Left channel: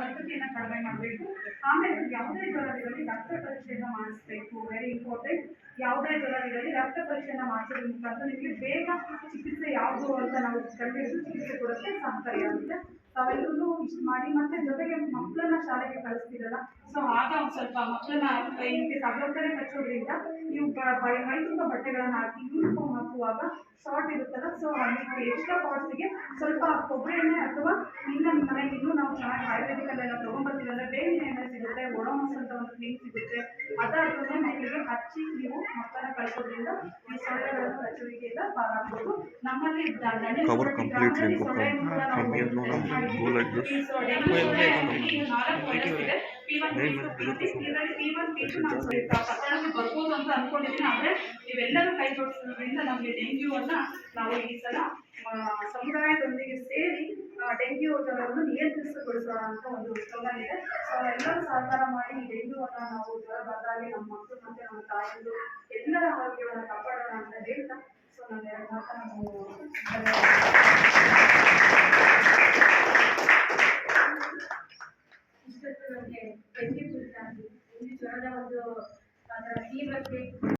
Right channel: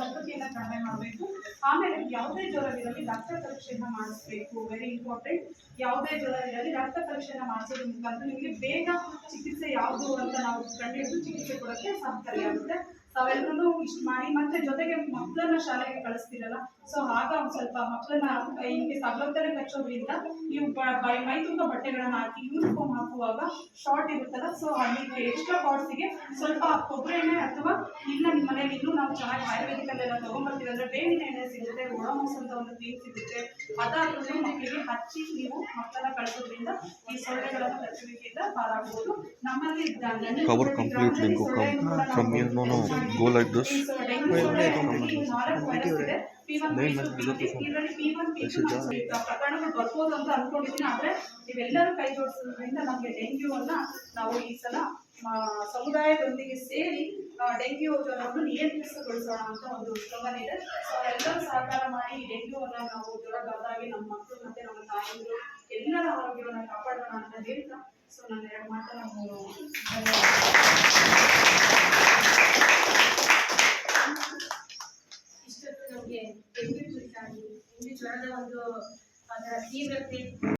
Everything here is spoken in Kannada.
ಸಕ್ಕರೆಯನ್ನು ಕಡಿಮೆ ಮಾಡಬೇಕು. ಆಮೇಲೆ ಯಾವುದೇ ಜ್ವರವಿರಲಿ ರಕ್ತ ಪರೀಕ್ಷೆಯನ್ನು ಮಾಡಿಸ್ಬೇಕು. Very important. ಯಾವುದೇ ಜ್ವರವಿರಲಿ ರಕ್ತ ಪರೀಕ್ಷೆಯನ್ನು ಮಾಡಿಸೋದ್ರ ಮುಖಾಂತರ ನಿಮಗೆ ಬೇಗ ಚಿಕಿತ್ಸೆ ಯಾವುದು ಅಂತ ನಾವು ಕಂಡುಹಿಡಿದು ಚಿಕಿತ್ಸೆ ಕೊಡೋಕ್ಕೆ ಸಹಕಾರಿಯಾಗುತ್ತೆ. ತಾವೆಲ್ಲರೂ ಇಷ್ಟು ಮಾಡಿ ಮತ್ತೆ ಜೊತೆಗೆ ಮಕ್ಕಳನ್ನ ಶಾಲೆಗೆ ಕಳಿಸ್ತಿರಲ್ಲ, ಸೊ ಆಗ ಒಂದು ಸ್ವಲ್ಪ ಮಕ್ಕಳನ್ನ ಹಿಂಗೆ ತಗೊಳ್ತಾರೆ ಕಚ್ಚೋದ್ರಿಂದ ನೀವು ಮೈ ತುಂಬ ಬಟ್ಟೆಗಳನ್ನ ಹಾಕಿ ಯೂನಿಫಾರ್ಮ್ ಹಾಕುವಾಗ ಶಾರ್ಟ್ ಇರುತ್ತಲ್ಲ, ಸೊ ಅದಕ್ಕೆ ಎಕ್ಸ್ಟ್ರಾ ಪಾರ್ಟ್ಸಿಗೆ ಸ್ವಲ್ಪ ಕೊಬ್ಬರಿ ಎಣ್ಣೆ ಅಥವಾ ಇಲ್ಲ ನಿಮ್ಮ ಮನೇಲಿ ಇನ್ನೂ ನಾವು ಚೆನ್ನಾಗಿ ಆಯುರ್ವೇದಿಕಲ್ಲೆಲ್ಲ ತೊಗೊಂಡ್ಬರ್ತೀವಿ ಅಂದರೆ ಬೇವಿನ ಎಣ್ಣೆ ಸಿಗುತ್ತೆ, ಒಡೋಮೋಸ್ ಅಂತ ಒಂದು ಕ್ರೀಮ್ ಸಿಗುತ್ತೆ, ಅದಾದ್ರೂ ಮಕ್ಕಳಿಗೆ ಹಚ್ಚಿ ನೀವು ಮಕ್ಕಳನ್ನ ಕಳಿಸೋದ್ರಿಂದ ಈ ಸೊಳ್ಳೆಗಳನ್ನು ಕಚ್ಚುವಿಕೆಯಿಂದ ಪಾರಾಗಬಹುದು. ನಮ್ಮಲ್ಲಿ cover complete link from here no go like this ಪ್ರಕರಣಗಳು ಬರ್ಬೋದು ಅಂತ ಅನ್ಕೊಂಡಿದ್ದೀನಿ. ಆದರೆ ನೀವೆಲ್ಲರೂ ಕೈ ಜೋಡಿಸೋದ್ರಿಂದ ನಮಗೆ ಡೆಂಗ್ಯೂವನ್ನು ನಾವು ಈ ಸಲ ಸಮುದಾಯದೊಂದಿಗೆ ಸೇರಿ ಡೆಂಗ್ಯೂ ಜ್ವರವನ್ನು ನಿಯಂತ್ರಿಸಗೊಳಿಸೋಣ ಅಂತ ಒಂದು ಸ್ಲೋಗನ್ ಇದೆ. ಸೊ ಎಲ್ಲರೂ ಸಹಕಾರ ಮಾಡಿ ಈ ಡೆಂಗ್ಯೂವನ್ನು ನಾವು ಜ್ವರ ಬಂದಾಗೆ ನಮ್ಮ ಮಕ್ಕಳು ಮತ್ತು ನಮ್ಮ ತಾಯಿಯರು ಎಲ್ಲರ ಆರೋಗ್ಯವನ್ನು ಕಾಪಾಡೋಣ ಅಂತ ಹೇಳ್ತಾ ಸೊ ನಾನು ಎರಡು ಮಾತನ್ನು ಇಷ್ಟೊತ್ತು ನಮಗೆ ಡೆಂಗ್ಯೂ ಕುರಿತಾಗಿ ಡೆಂಗ್ಯೂ ಜ್ವರದ ಒಂದು ಅದರ ತೀವ್ರತೆ